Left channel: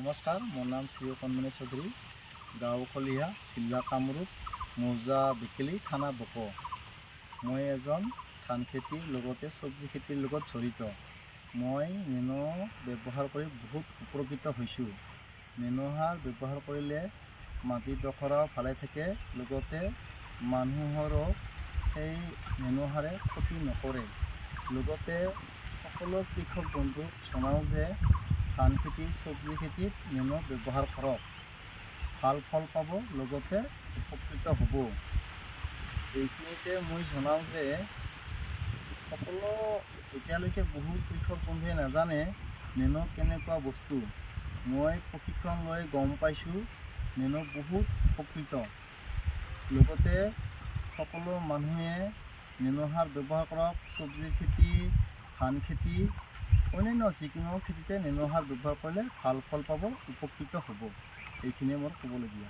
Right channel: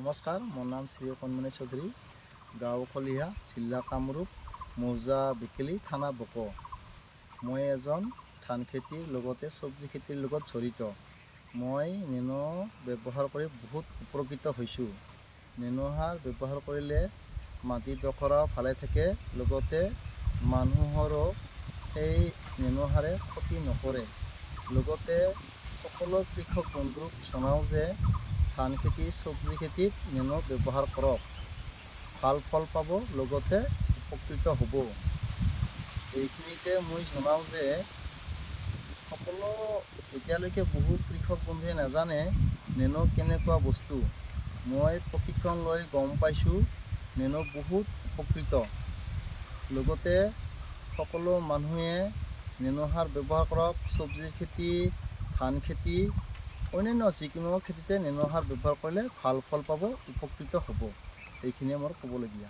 নমস্কাৰ, মোৰ নাম শ্ৰী কণমণি চৌধুৰী, গাঁও খলিহা, জিলা কামৰূপ, মৌজা বিকেলি, থানা বক। মই এজন ধান খেতিৰ লগতে চব্জি খেতিৰ লগত জড়িত। মই নেনো ব্যৱহাৰ কৰি বহুত উপকৃত হৈছোঁ। নেনো সাৰ ব্যৱহাৰ কৰিলে মাটিডোখৰ ভালে থাকে, লগতে মানুহৰো সেই নেনো সাৰে ক্ষতি নকৰে। লগতে সকলো কৃষক বন্ধুক জনাওঁ যে ধান খেতি, চব্জি খেতিত নেনো ব্যৱহাৰ কৰক। ভাল ফল পাব, লগতে উপকৃত হ'ব। এইখিনিতে মই জনাওঁ যে সকলো এতিয়ালৈকে বহু কৃষক বন্ধুৱে নাজানে নেনো কেনেকুৱা বস্তু। মই প্ৰশিক্ষণ লৈ গম পাইছোঁ নেনো বহুত উপকৃত। লগতে সকলো মানুহে নেনো সাৰ ব্যৱহাৰ কৰক। চব্জি খেতি, ধান খেতি, অন্যান্য যিকোনো খেতিতে নেনো সাৰ ব্যৱহাৰ কৰিলে ভাল ফল পাব, উপকৃত হ'ব। এইখিনিয়ে মোৰ ক'বলগীয়া।